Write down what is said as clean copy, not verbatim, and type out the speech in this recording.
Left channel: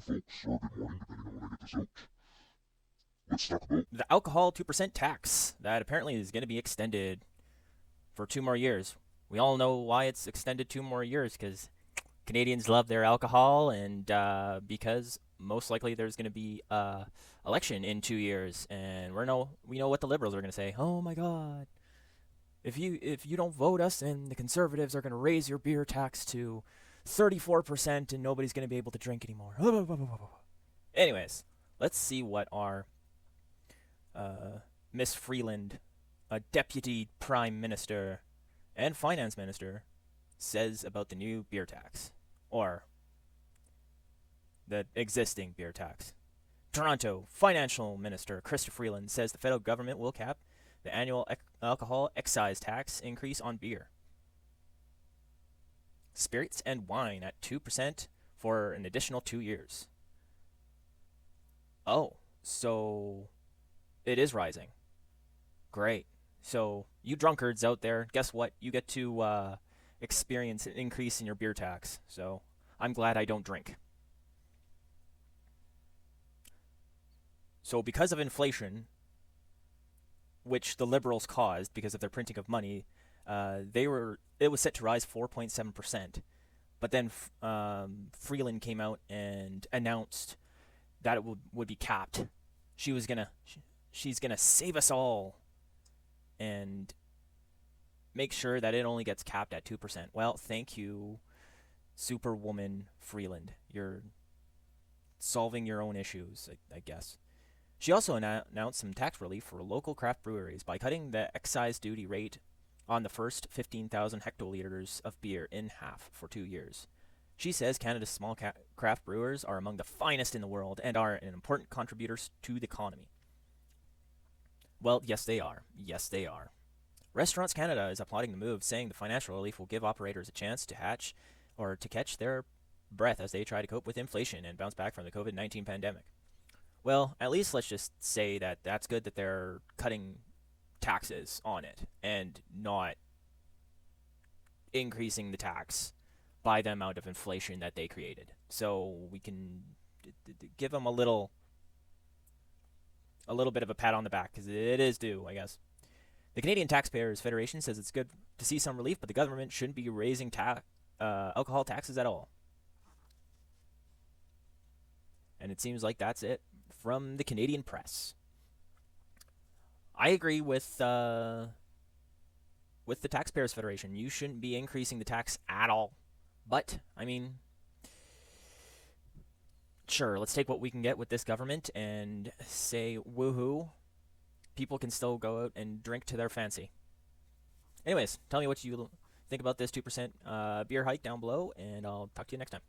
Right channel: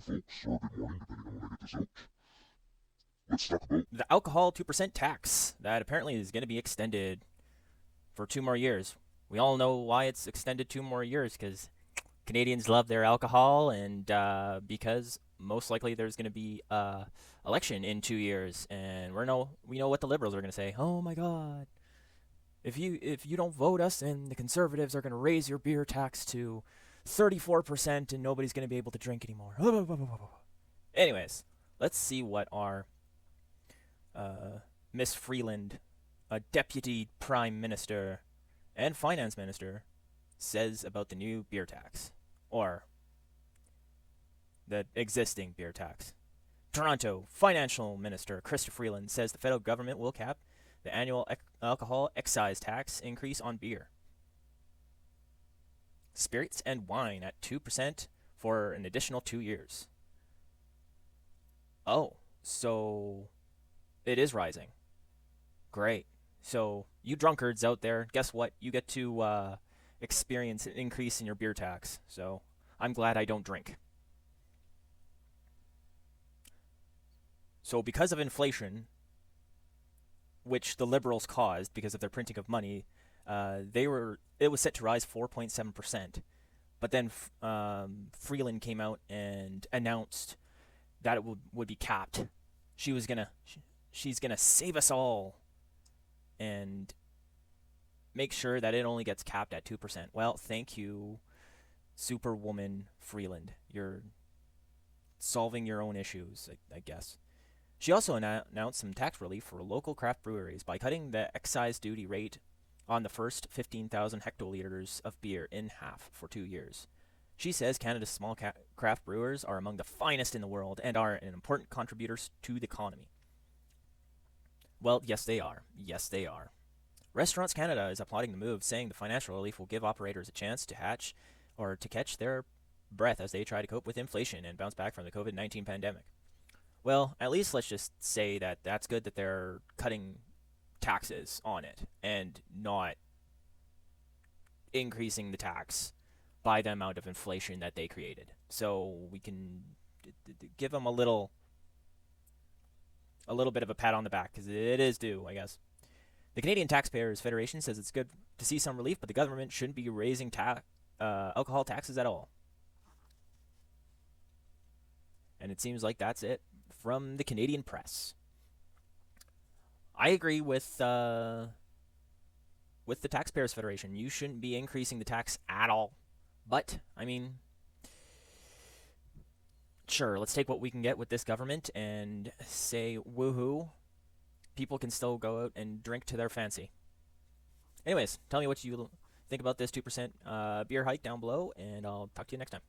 folks. Good morning, depending on when I get this out. Let's talk about. The alcohol 2% tax that apparently is going to be extended for 2 more years. We all know why it's extended 2 more years because Canadians love their alcohol, and because most likely there's going to be election in 2 years, and we know what the liberals are going to say. Oh my God, if you don't vote us, and the conservatives are going to raise your beer tax to 34%, and nobody's going to be able to drink anymore. Anyways, let's see what our Miss Freeland, a deputy prime minister and finance minister, says about the new beer tax, or the existing beer tax. Toronto Financial Minister Chrystia Freeland says the federal government will cap the annual alcohol excise tax increase on beer, spirits, and wine at 2% for an additional 2 years. Oh, so it is rising. Great. So, you drunkards out there, guess what? You get to experience an increase in your beer tax. So, I'm glad I don't drink. So, because of inflation, which the liberals caused because of their printing of money, it was set to rise 4.7%. But then Freeland came out and announced that it would be capped. She's gonna save us all and make sure that it only gets capped at 2%. Well, thank you, Superwoman Freeland. You're solving your own issues, I guess. She also announced some tax relief for local craft breweries by cutting the excise duty rate on the first 15,000 hectoliters of beer in half for 2 years. She says Canada's small craft brewers are among the finest in the world and are an important contributors to the economy. Well, yes, they are. Yes, they are. Restaurants Canada is applauding the move, saying the financial relief will give operators a chance to catch their breath as they try to cope with inflation and bounce back from the COVID-19 pandemic. Well, at least let's just say that that's good that they're cutting taxes on it and not increasing the tax by the amount of inflation that they created. So we can give them a little bit of a pat on the back because it is due, I guess. The Canadian Taxpayers Federation says it's good to see some relief, but the government shouldn't be raising alcohol taxes at all. And it seems like that's it from the Canadian press. I agree with the Taxpayers Federation. You shouldn't be increasing the tax at all. But, I mean, sure, let's take what we can get with this government and say woohoo. People can still go out and drink to their fancy. Anyways, tell me what you think about this 2% beer hike down below, and I'll talk to you next time.